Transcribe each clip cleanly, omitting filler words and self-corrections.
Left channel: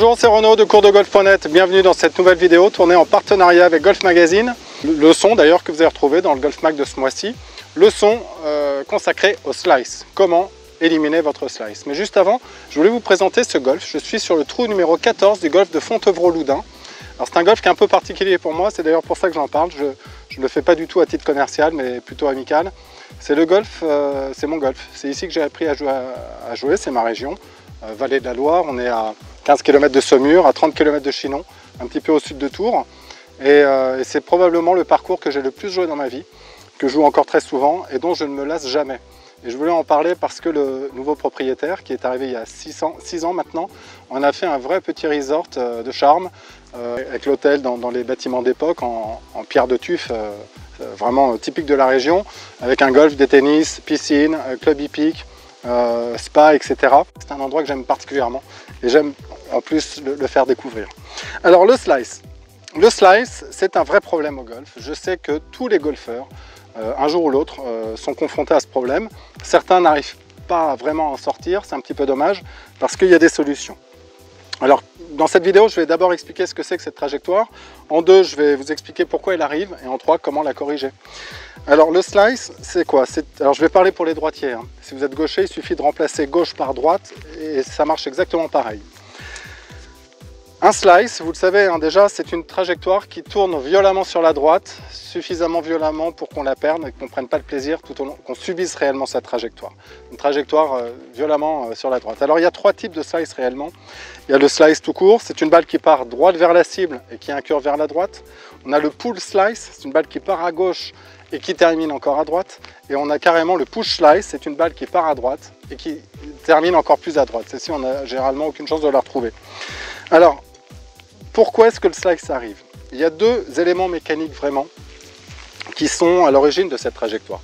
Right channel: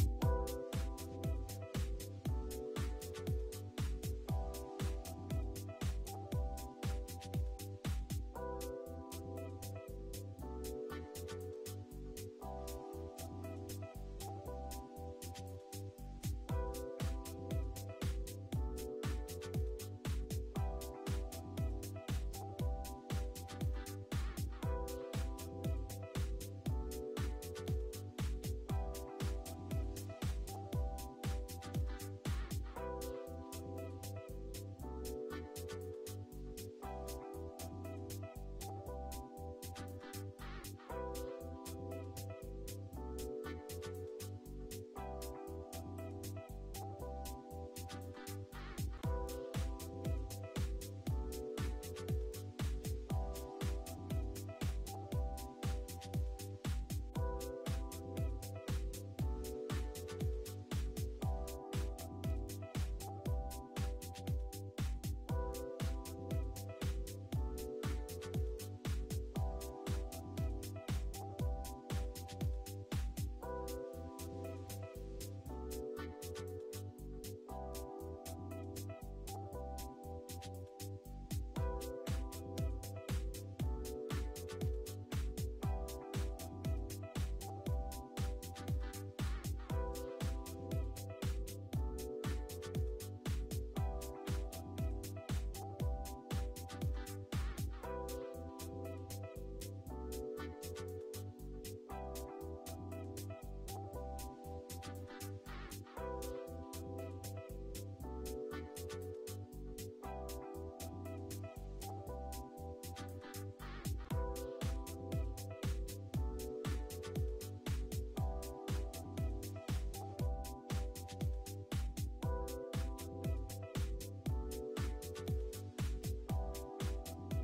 Bonjour, c'est Renaud de coursdegolf.net. Bienvenue dans cette nouvelle vidéo tournée en partenariat avec Golf Magazine. Leçon d'ailleurs que vous allez retrouver dans le Golf Mag de ce mois-ci. Leçon consacrée au slice. Comment éliminer votre slice. Mais juste avant, je voulais vous présenter ce golf. Je suis sur le trou numéro 14 du golf de Fontevraud-Loudun. Alors c'est un golf qui est un peu particulier pour moi, c'est d'ailleurs pour ça que j'en parle. Je ne le fais pas du tout à titre commercial, mais plutôt amical. C'est le golf, c'est mon golf. C'est ici que j'ai appris à jouer, c'est ma région. Vallée de la Loire, on est à 15 km de Saumur, à 30 km de Chinon, un petit peu au sud de Tours. Et c'est probablement le parcours que j'ai le plus joué dans ma vie, que je joue encore très souvent et dont je ne me lasse jamais. Et je voulais en parler parce que le nouveau propriétaire, qui est arrivé il y a 6 ans maintenant, on a fait un vrai petit resort de charme, avec l'hôtel dans les bâtiments d'époque, en pierre de tuf, vraiment typique de la région, avec un golf, des tennis, piscine, club hippique, spa, etc. C'est un endroit que j'aime particulièrement et j'aime en plus le faire découvrir. Alors le slice. Le slice, c'est un vrai problème au golf. Je sais que tous les golfeurs, un jour ou l'autre, sont confrontés à ce problème. Certains n'arrivent pas vraiment à en sortir, c'est un petit peu dommage, parce qu'il y a des solutions. Alors, dans cette vidéo, je vais d'abord expliquer ce que c'est que cette trajectoire. En deux, je vais vous expliquer pourquoi elle arrive, et en trois, comment la corriger. Alors, le slice, c'est quoi? Alors, je vais parler pour les droitiers. Si vous êtes gaucher, il suffit de remplacer gauche par droite, et ça marche exactement pareil. Un slice, vous le savez déjà, c'est une trajectoire qui tourne violemment sur la droite, suffisamment violemment pour qu'on la perde et qu'on ne prenne pas le plaisir tout au long, qu'on subisse réellement sa trajectoire. Une trajectoire violemment sur la droite. Alors il y a trois types de slice réellement. Il y a le slice tout court, c'est une balle qui part droite vers la cible et qui a un cœur vers la droite. On a le pull slice, c'est une balle qui part à gauche et qui termine encore à droite. Et on a carrément le push slice, c'est une balle qui part à droite et qui termine encore plus à droite. Celle-ci, on n'a généralement aucune chance de la retrouver. Alors, pourquoi est-ce que le slice arrive? Il y a deux éléments mécaniques vraiment qui sont à l'origine de cette trajectoire.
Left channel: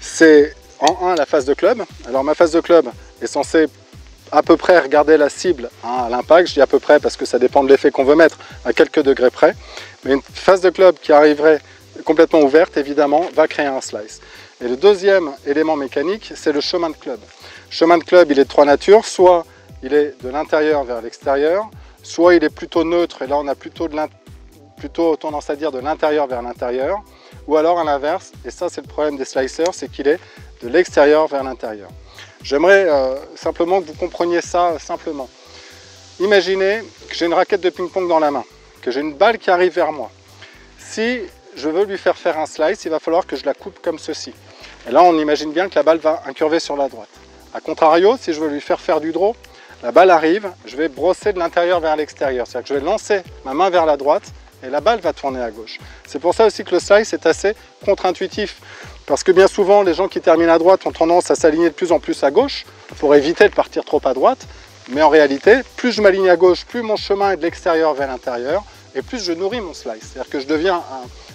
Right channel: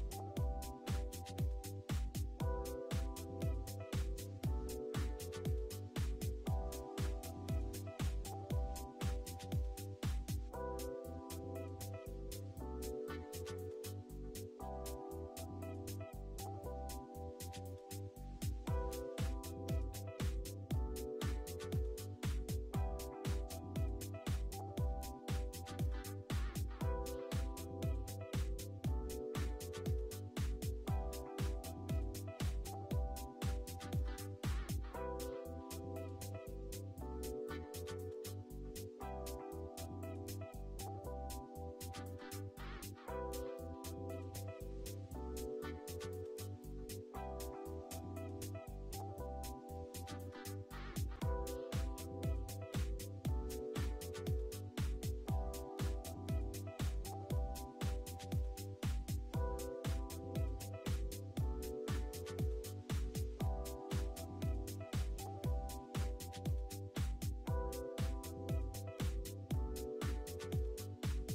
C'est en un la phase de club. Alors ma phase de club est censée à peu près regarder la cible à l'impact. Je dis à peu près parce que ça dépend de l'effet qu'on veut mettre à quelques degrés près. Mais une phase de club qui arriverait complètement ouverte, évidemment, va créer un slice. Et le deuxième élément mécanique, c'est le chemin de club. Le chemin de club, il est de trois natures. Soit il est de l'intérieur vers l'extérieur, soit il est plutôt neutre, et là on a plutôt tendance à dire de l'intérieur vers l'intérieur, ou alors à l'inverse, et ça c'est le problème des slicers, c'est qu'il est de l'extérieur vers l'intérieur. J'aimerais simplement que vous compreniez ça simplement. Imaginez que j'ai une raquette de ping-pong dans la main, que j'ai une balle qui arrive vers moi. Si je veux lui faire un slice, il va falloir que je la coupe comme ceci. Et là on imagine bien que la balle va incurver sur la droite. A contrario, si je veux lui faire du draw, la balle arrive, je vais brosser de l'intérieur vers l'extérieur. C'est-à-dire que je vais lancer ma main vers la droite et la balle va tourner à gauche. C'est pour ça aussi que le slice est assez contre-intuitif. Parce que bien souvent, les gens qui terminent à droite ont tendance à s'aligner de plus en plus à gauche pour éviter de partir trop à droite. Mais en réalité, plus je m'aligne à gauche, plus mon chemin est de l'extérieur vers l'intérieur et plus je nourris mon slice. C'est-à-dire que je deviens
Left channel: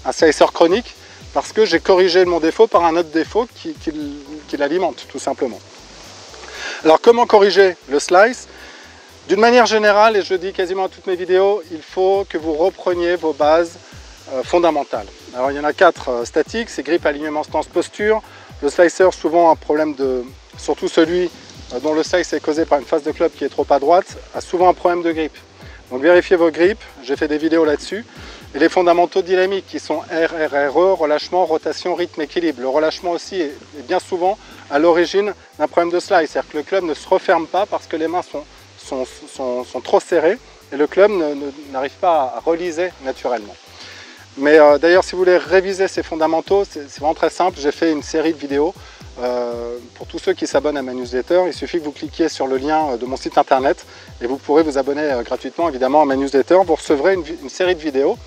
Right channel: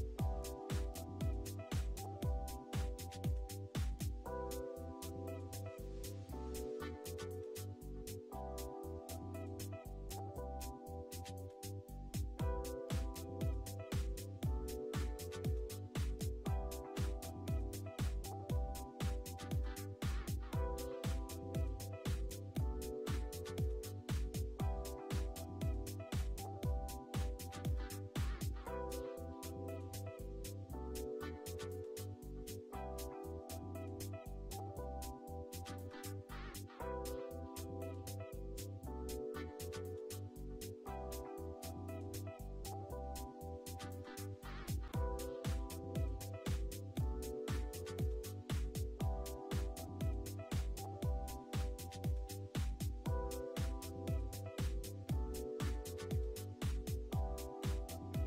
un slicer chronique parce que j'ai corrigé mon défaut par un autre défaut qui l'alimente, tout simplement. Alors comment corriger le slice? D'une manière générale, et je le dis quasiment à toutes mes vidéos, il faut que vous repreniez vos bases fondamentales. Alors il y en a 4 statiques, c'est grip, alignement, stance, posture. Le slicer, souvent un problème surtout celui dont le slice est causé par une phase de club qui est trop à droite, a souvent un problème de grip. Donc vérifiez vos grips, j'ai fait des vidéos là-dessus. Et les fondamentaux dynamiques qui sont RRRE, relâchement, rotation, rythme, équilibre. Le relâchement aussi est bien souvent à l'origine d'un problème de slice. C'est-à-dire que le club ne se referme pas parce que les mains sont trop serrées et le club n'arrive pas à reliser naturellement. Mais d'ailleurs, si vous voulez réviser ces fondamentaux, c'est vraiment très simple. J'ai fait une série de vidéos pour tous ceux qui s'abonnent à ma newsletter. Il suffit que vous cliquiez sur le lien de mon site internet et vous pourrez vous abonner gratuitement évidemment à ma newsletter. Vous recevrez une série de vidéos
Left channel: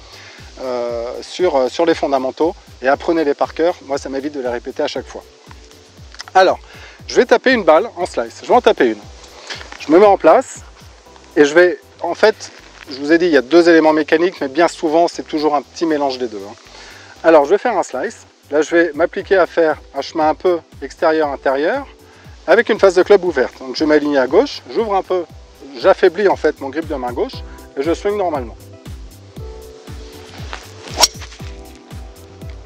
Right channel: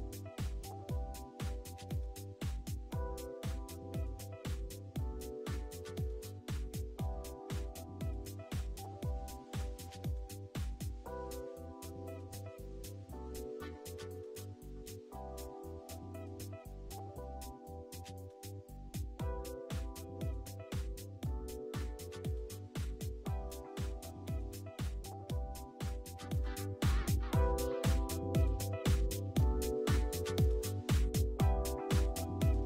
sur les fondamentaux et apprenez-les par cœur. Moi, ça m'évite de les répéter à chaque fois. Alors, je vais taper une balle en slice. Je vais en taper une. Je me mets en place et je vais, en fait, je vous ai dit, il y a deux éléments mécaniques, mais bien souvent, c'est toujours un petit mélange des deux. Alors, je vais faire un slice. Là, je vais m'appliquer à faire un chemin un peu extérieur-intérieur avec une phase de club ouverte. Donc, je vais m'aligner à gauche, j'ouvre un peu, j'affaiblis en fait mon grip de main gauche et je swing normalement.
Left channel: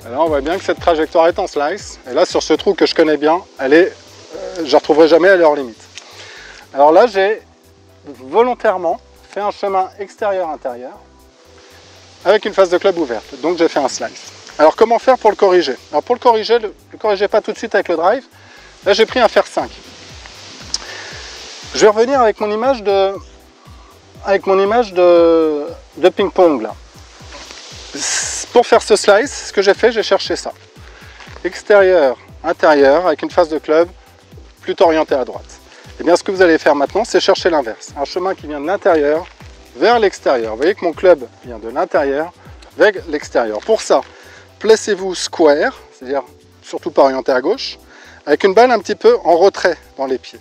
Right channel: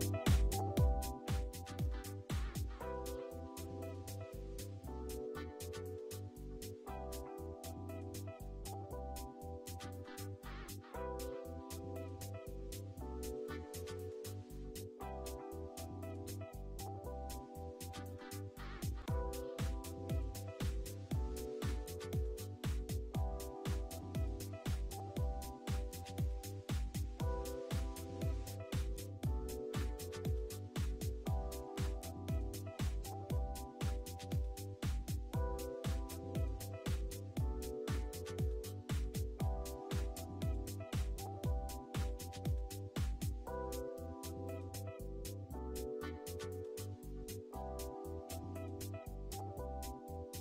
Et là, on voit bien que cette trajectoire est en slice. Et là, sur ce trou que je connais bien, je ne la retrouverai jamais à l'heure limite. Alors là, j'ai volontairement fais un chemin extérieur-intérieur avec une face de club ouverte. Donc j'ai fait un slice. Alors comment faire pour le corriger? Alors pour le corriger, ne le corrigez pas tout de suite avec le drive. Là j'ai pris un fer 5. Je vais revenir avec mon image de ping-pong là. Pour faire ce slice, ce que j'ai fait, j'ai cherché ça. Extérieur, intérieur, avec une face de club plutôt orientée à droite. Et bien ce que vous allez faire maintenant, c'est chercher l'inverse. Un chemin qui vient de l'intérieur vers l'extérieur. Vous voyez que mon club vient de l'intérieur vers l'extérieur. Pour ça, placez-vous square, c'est-à-dire surtout pas orienté à gauche, avec une balle un petit peu en retrait dans les pieds.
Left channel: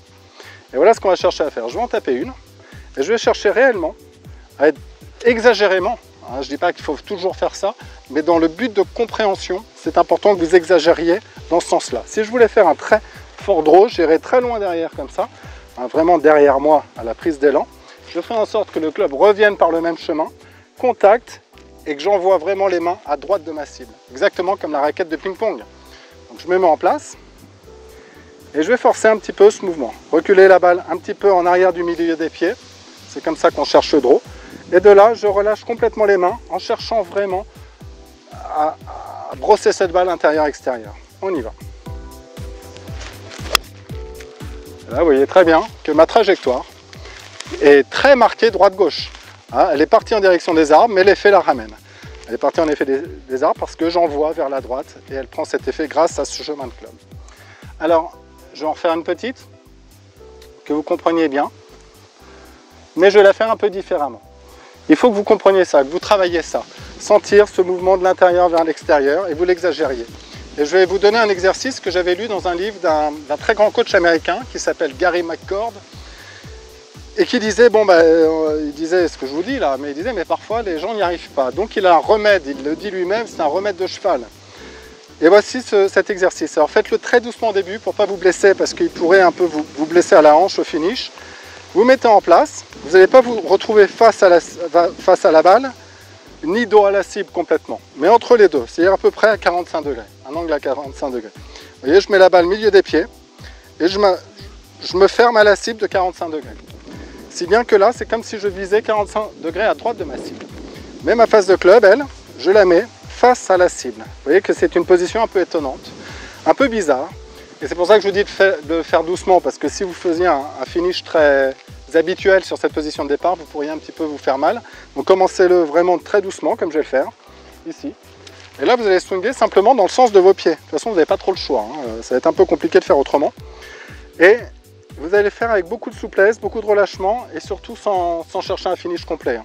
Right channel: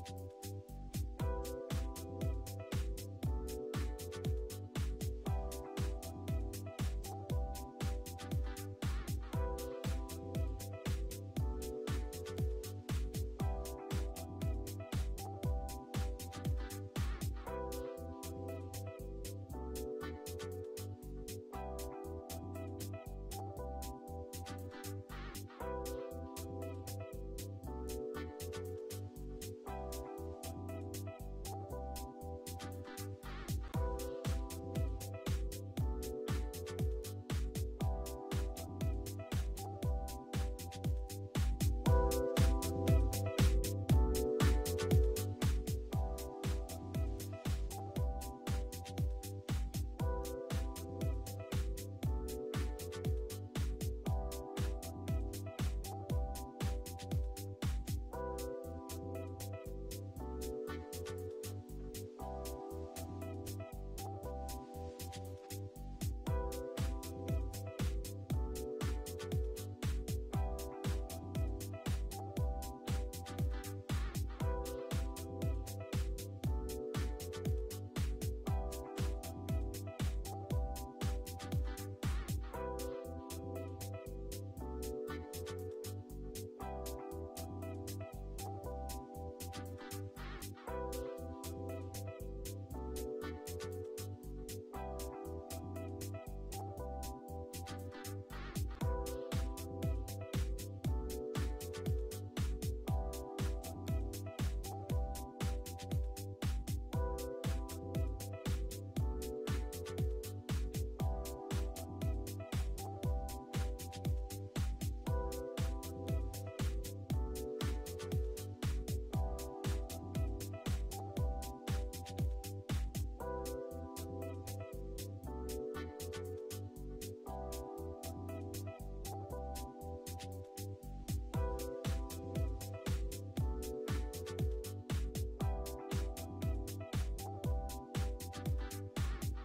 Et voilà ce qu'on va chercher à faire. Je vais en taper une et je vais chercher réellement à être exagérément, je ne dis pas qu'il faut toujours faire ça, mais dans le but de compréhension, c'est important que vous exagériez dans ce sens-là. Si je voulais faire un très fort draw, j'irais très loin derrière comme ça, vraiment derrière moi à la prise d'élan. Je ferai en sorte que le club revienne par le même chemin, contact, et que j'envoie vraiment les mains à droite de ma cible, exactement comme la raquette de ping-pong. Donc je me mets en place et je vais forcer un petit peu ce mouvement. Reculer la balle un petit peu en arrière du milieu des pieds, c'est comme ça qu'on cherche le draw. Et de là, je relâche complètement les mains en cherchant vraiment à brosser cette balle intérieur-extérieur. On y va. Là, vous voyez très bien que ma trajectoire est très marquée droite-gauche. Elle est partie en direction des arbres, mais l'effet la ramène. Elle est partie en effet des arbres parce que j'envoie vers la droite et elle prend cet effet grâce à ce chemin de club. Alors, je vais en faire une petite, que vous compreniez bien, mais je vais la faire un peu différemment. Il faut que vous compreniez ça, que vous travailliez ça. Sentir ce mouvement de l'intérieur vers l'extérieur et vous l'exagériez. Et je vais vous donner un exercice que j'avais lu dans un livre d'un très grand coach américain qui s'appelle Gary McCord et qui disait, il disait ce que je vous dis là, mais il disait mais parfois les gens n'y arrivent pas. Donc il a un remède, il le dit lui-même, c'est un remède de cheval. Et voici cet exercice. Alors faites-le très doucement au début pour ne pas vous blesser parce qu'il pourrait un peu vous blesser à la hanche au finish. Vous mettez en place, vous n'allez pas vous retrouver face à la balle, ni dos à la cible complètement, mais entre les deux, c'est-à-dire à peu près à 45 degrés, un angle à 45 degrés. Vous voyez, je mets la balle au milieu des pieds et je me ferme à la cible de 45 degrés. Si bien que là, c'est comme si je visais 45 degrés à droite de ma cible. Mais ma face de club, elle, je la mets face à la cible. Vous voyez que c'est une position un peu étonnante, un peu bizarre. Et c'est pour ça que je vous dis de faire doucement, parce que si vous faisiez un finish très habituel sur cette position de départ, vous pourriez un petit peu vous faire mal. Donc commencez-le vraiment très doucement, comme je vais le faire, ici. Et là, vous allez swinger simplement dans le sens de vos pieds. De toute façon, vous n'avez pas trop le choix, ça va être un peu compliqué de faire autrement. Et vous allez le faire avec beaucoup de souplesse, beaucoup de relâchement, et surtout sans chercher un finish complet.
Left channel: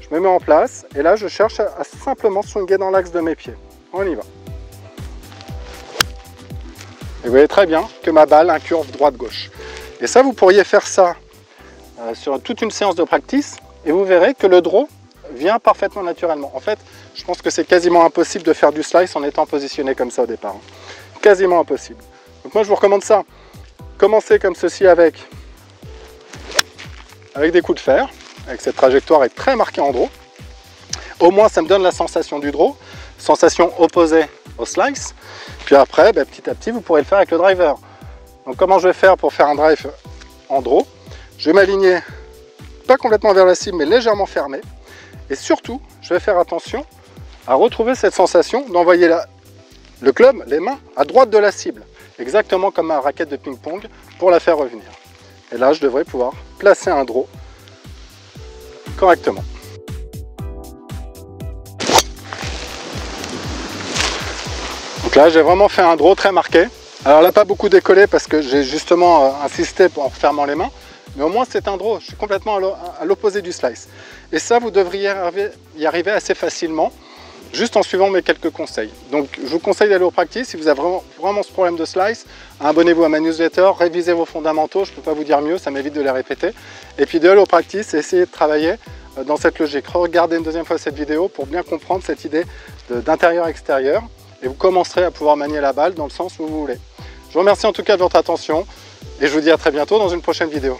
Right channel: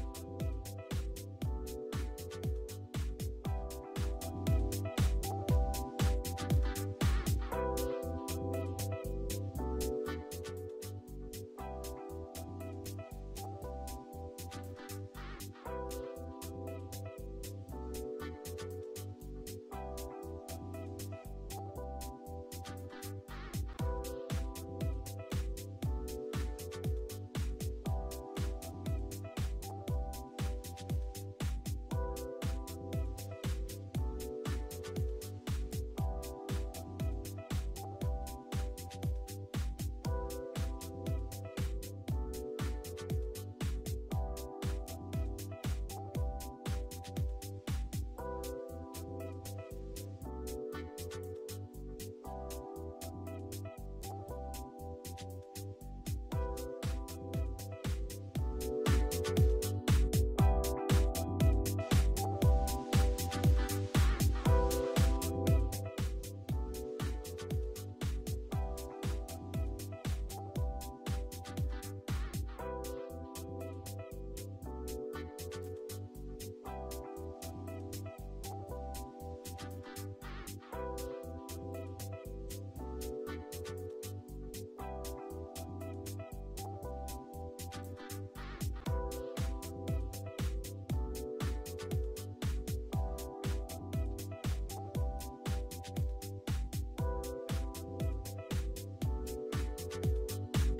Je me mets en place, et là, je cherche à simplement swinger dans l'axe de mes pieds. On y va. Et vous voyez très bien que ma balle incurve droite-gauche. Et ça, vous pourriez faire ça sur toute une séance de practice et vous verrez que le draw vient parfaitement naturellement. En fait, je pense que c'est quasiment impossible de faire du slice en étant positionné comme ça au départ. Quasiment impossible. Donc moi, je vous recommande ça. Commencez comme ceci avec des coups de fer, avec cette trajectoire est très marquée en draw. Au moins, ça me donne la sensation du draw, sensation opposée au slice. Puis après, petit à petit, vous pourrez le faire avec le driver. Donc comment je vais faire pour faire un drive en draw? Je vais m'aligner pas complètement vers la cible, mais légèrement fermé. Et surtout, je vais faire attention à retrouver cette sensation d'envoyer le club, les mains, à droite de la cible. Exactement comme ma raquette de ping-pong pour la faire revenir. Et là, je devrais pouvoir placer un draw correctement. Donc là, j'ai vraiment fait un draw très marqué. Alors là, pas beaucoup décollé parce que j'ai justement insisté en fermant les mains. Mais au moins, c'est un draw. Je suis complètement à l'opposé du slice. Et ça, vous devriez y arriver assez facilement, juste en suivant mes quelques conseils. Donc, je vous conseille d'aller au practice. Si vous avez vraiment ce problème de slice, abonnez-vous à ma newsletter, révisez vos fondamentaux. Je ne peux pas vous dire mieux, ça m'évite de les répéter. Et puis, d'aller au practice et essayer de travailler dans cette logique. Regardez une deuxième fois cette vidéo pour bien comprendre cette idée d'intérieur-extérieur. Et vous commencerez à pouvoir manier la balle dans le sens où vous voulez. Je vous remercie en tout cas de votre attention et je vous dis à très bientôt dans une prochaine vidéo.